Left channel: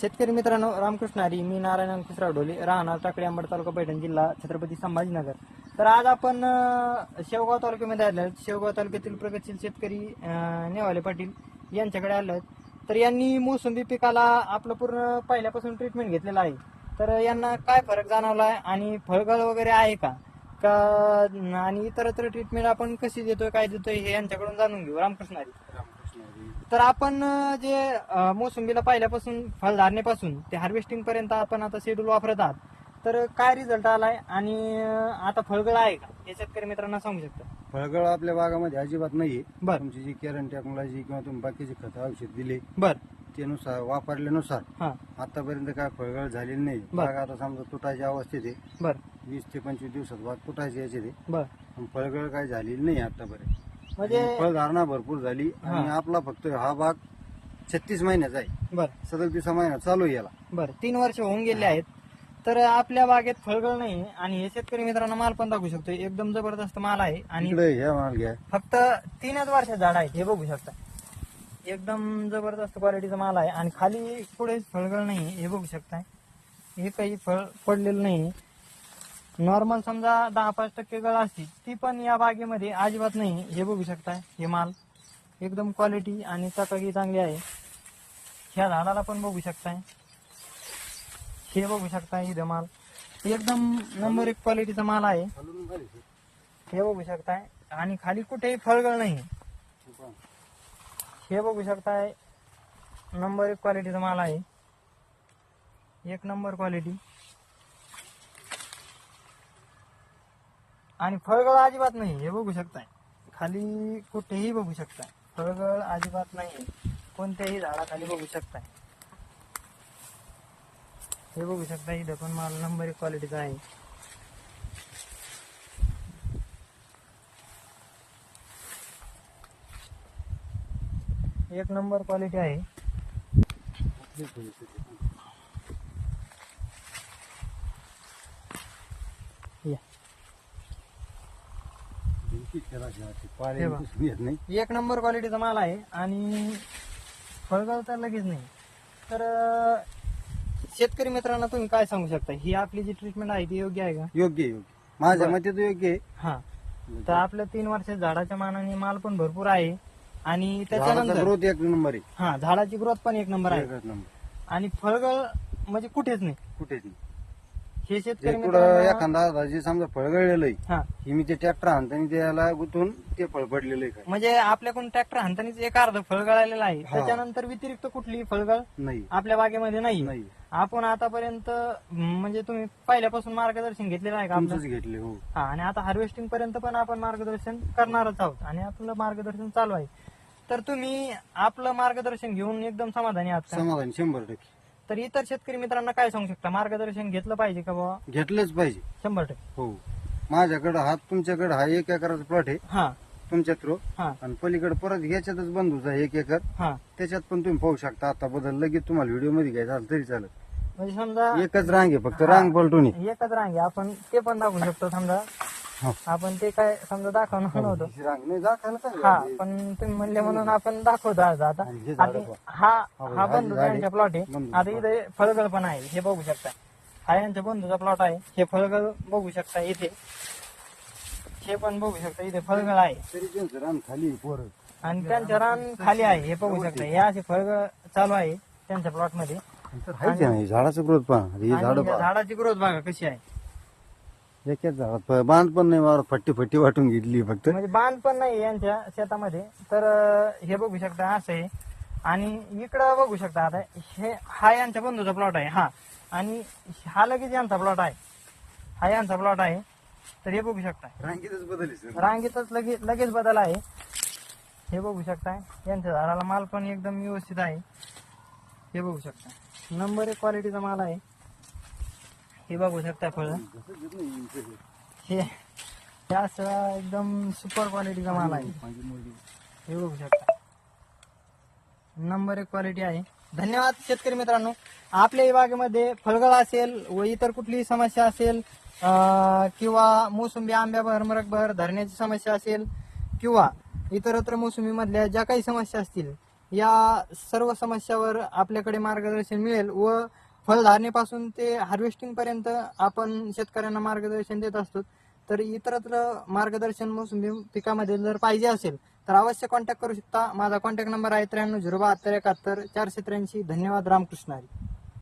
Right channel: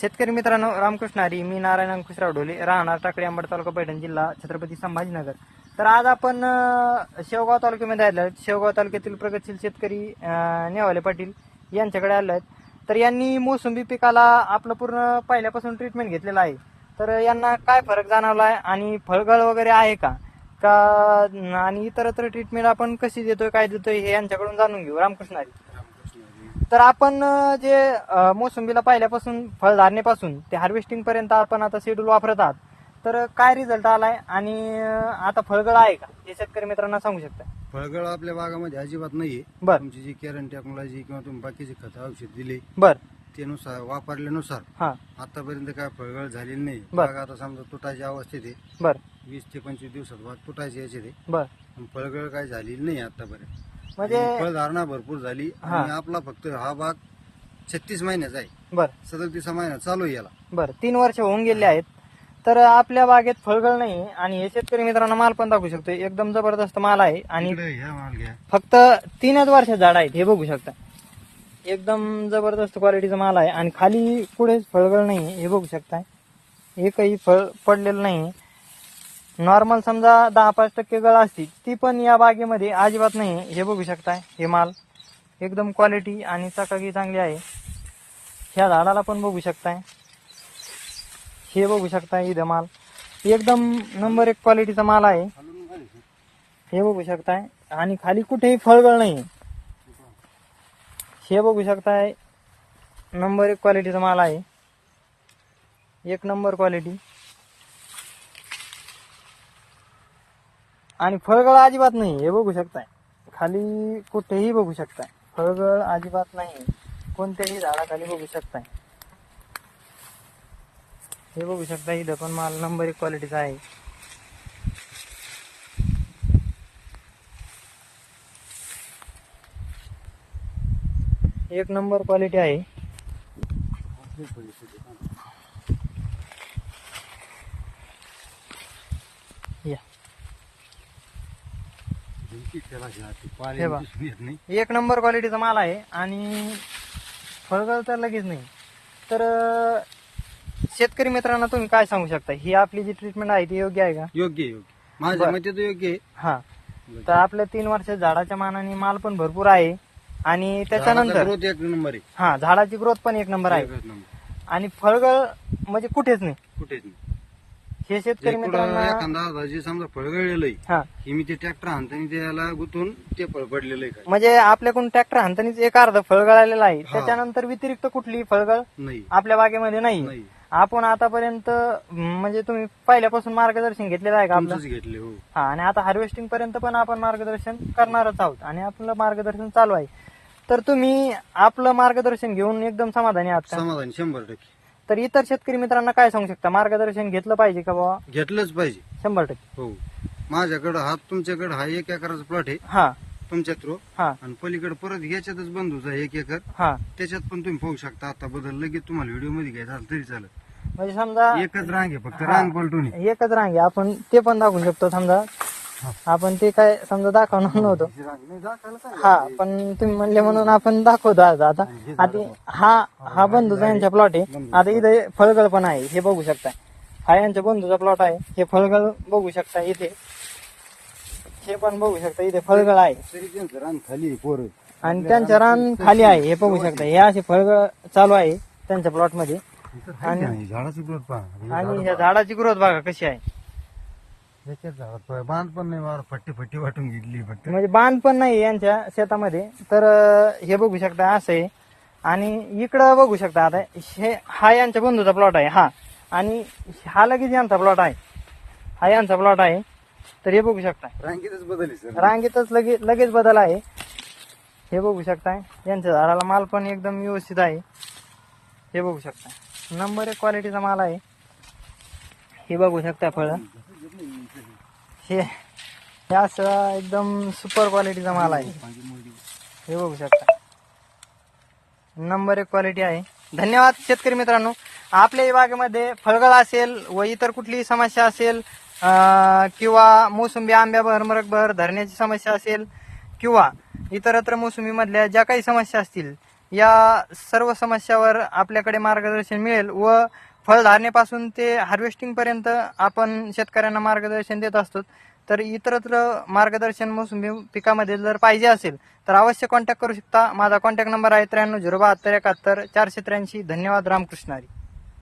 शेतकरी मित्रांनो, रामकृष्ण हरी. मी नारायण अंकुशराव ढोले, राहणार टाकळी, अंबड तालुका, पैठण जिल्हा, छत्रपती संभाजीनगर. तर आज आपण शेवगाव तालुक्यामध्ये आलो आहेत. शेवगाव तालुक्यातील प्रगतशील शेतकरी नेवाले पाटील यांच्याकडे आलो आहेत. तर यांनी मोसंबी पिकाला आपलं पूर्ण पहिल्यापासून ट्रीटमेंट घेतलेलं आहे. तर यांना काय फरक जाणवला आहे आणि फळगळ वगैरे आहे का आणि इतरत्र ट्रीटमेंट आपण कशी देतोय, काय देतोय, हे यांच्याकडून जाणून घेऊ. रामकृष्ण हरी. तर आपण जे मोसंबीला पहिल्यापासून फळधारणेपासून ते हार्वेस्टिंग पर्यंत आपण आता शेड्यूल वापरत आहात, तर काय रिझल्ट आलाय आणि आता फळगळ आहे का हे शेतकरी मित्रांना सांगू शकता? फळगळ आपल्या भागामध्ये अजिबात नाहीये. बर. तुमची जी केरन टेक्नॉलॉजी किंवा तुम्ही बाकीचे खत औषध दिले बर. त्यानुसार वापरल्यानुसार हा. आतापर्यंत काय फळगळ झालेली नाही. बर. बाग आता समजा तुटायच्या अवस्थेत आहे. बर. 20 ते 25 दिवसात बाग तुटायची याची आहे. बर. पण फळगळ काय झालेली नाही आतापर्यंत. म्हणजे फळधारणा भरपूर झाली आणि आपला फक्त हा बाग 36 महिन्याचा आहे. बर. 37 महिना चालू आहे याला. बर. 3 वर्ष होऊन गेले आहेत. तर आपल्या बागेत फळगळ नाही आणि हे शेतकरी मित्रांना माल पण दाखवू शकतो. एकदम जबरदस्त माल आहे आणि इकडे हे माल घ्या. फक्त 3च वर्षात झाड आहेत, हे बघू शकता. एकदम जबरदस्त क्वालिटीचा माल आहे आणि खाली पुढेच फळगळ नाही, हे बघू शकता. एकही फळ पडलेलं नाही. नॉर्मल समजा 10-5% गळ असती, ती पण या बागेमध्ये अजिबात नाही. हे बघू शकता, हे माल एकदम क्वालिटी आणि चकाकी चांगली आहे. ह्या झाडाला पण बघू शकताय, हे बघू शकता. इथं माल एकदम नंबर 1 क्वालिटीचा माल आहे, हे बघू शकताय. आणि खाली कुठेही फळगळ नाही, हे बघू शकताय. नंबर 1 क्वालिटीचा माल आहे, 1 नंबर क्वालिटी. आणि फळगळ अजिबात नाही, हे बघू शकताय. खाली कुठेही बघू शकताय, फळगळ अजिबात नाही. कोणत्याही झाडाखाली बघू शकताय, हे बघू शकता. इथं पण माल नंबर 1 क्वालिटीचा आहे. एक नंबर क्वालिटी आहे. या. एक नंबर क्वालिटीचा माल आहे आणि फळगळ तर लगेच नाही. तर शेतकरी मित्रांना तुम्ही काय सांगू शकता, ही आपली जी ट्रीटमेंट आहे ती योग्य आहे का? योग्य योग्य माझ्या मते तर योग्य आहे. हा. तर आपल्या 3 वर्षात झाडाच्या मानाने माल पण भरपूर आहे आणि त्याच्यानंतर ग्रोथ 1 नंबर आहे. हा, झाडाची ग्रोथ पण 1 नंबर आहे. एकच नंबर. आणि फळगळ म्हणजे कुठेच नाही. कुठेच नाही. हे शेतकरी पुढं मित्रांना एखादा जे समजा फळगळलेलं आहे, हा, ही मी ते ट्रॅक्टर आणताना त्याला गुंतून ते फळ पडलेलं आहे. काय म्हणजे आपल्याकडून ट्रॅक्टर हाणतानीच एक अर्ध फळगळालेला आहे. हा. त्याच्यानंतर व्यतिरिक्त कुठली फळगळ नाही आपल्या बागेमध्ये नाही. नाही आपण आतापर्यंत म्हणजे तुम्ही पहिल्यापासून मार्गदर्शन घेतलेलं आहे का आपलं? तुमचंच घेतले. हो. हा. आणि आता हार्वेस्टिंग पर्यंत पण आपण मार्गदर्शन करणारच आहोत आणि आपलं मार्गदर्शन चालू आहे. तर तुम्ही आपलं मार्गदर्शन घेऊन एकदम समाधानी आहात का? समाधान 100%. तर इतर शेतकरी मित्रांना काय सांगू शकता, मार्गदर्शन घेतलं पाहिजे का बाबा? घेतलंच पाहिजे. 100%. हो. माझ्याकडे हा तुमच्याकडे हा 1 एकराचा प्लॉट आहे हा. तुमच्या थ्रू. हा. आणि पलीकडे परत याच्यातच बंधूचा 1 एकर, हा. त्याच्यात पण तुम्ही पाहू शकता. आता बदल लगेच तुम्हाला व्हिडिओ मध्ये घ्यायचा झालं तरी चालत. म्हणजे समजा एकच रांग आहे, फक्त रांग पलटून आहे. एकच रांग आहे, आपण ते पण दाखवू शकतो. समजा आपण ते काय समजा दाखवणार नव्हतं. ही रांग नाही दाखवायला काय हा, पण तुम्ही म्हणले म्हणून आपण दाखवतो आज. आता हा बंधूचा यांचा प्लॉट आहे. आता इथे फळगळ पण आहे, हे बघू शकता. हा यांच्या बंधूचा प्लॉट आहे, हे फळगळ बघू शकता. इथे हे पण बघू शकता, इथे फळगळ आहे तरी त्यांचं रान खाली आहे, पोरं. आणि त्यांचं रान खाली आहे, हे बघू शकता. हे असे फळगळ चालू आहे त्यांच्या प्लॉट मध्ये. आहे का नाही? झाडाचं ग्रोथ पहा. ही आणि झाडं या पहा. झाडाची ग्रोथ बघा कशी आहे. एकाच झाडात बांध पण नाही मारत, फट्टी वाटून घेतली फक्त. म्हणजे बांध पण नाही यांच्या शेतामध्ये. तर हे बघू शकता असं आहे. आणि इकडं बघू शकता. आता हा यांच्या बंधूचा प्लॉट आहे. हा. आणि हा लगेच यांचा प्लॉट आहे. हा यांचा प्लॉट आहे. तर हे बघू शकता, रांगेतच बदल. रांगेतच लगेच बदल आहे. हे बघू शकता. यांच्या झाडाला माल पण एकदम व्यवस्थित आहे, हे बघू शकता. नंबर 1 क्वालिटीचा माल आहे, हे बघू शकता. फळ हे असं एकदम सुपर क्वालिटीचा माल आहे, हे बघू शकता. नंबर 1 क्वालिटी आहे. धन्यवाद शेतकरी मित्रांनो. आपल्या या बागेमध्ये फळगळ असेल व इतर कुठलीही समस्या असेल किंवा मोसंबी आंब्याभर मरकभर धरण्याची समस्या असेल किंवा इतरत्र मोसंबी मधल्या ज्या काही समस्या असतील या सर्व समस्यावर आपल्याकडे मार्गदर्शन मिळेल व फळधारणेपासून ते हार्वेस्टिंग पर्यंत आपण शेतकऱ्यांना मार्गदर्शन देत असतो. तर इतरत्र मार्गदर्शन मोसंबी पिकामध्ये जर पाहिजे असेल तर अवश्य कॉन्टॅक्ट करू शकता. माझा कॉन्टॅक्ट नंबर आहे 93 072 71 483. धन्यवाद. रामकृष्ण हरी.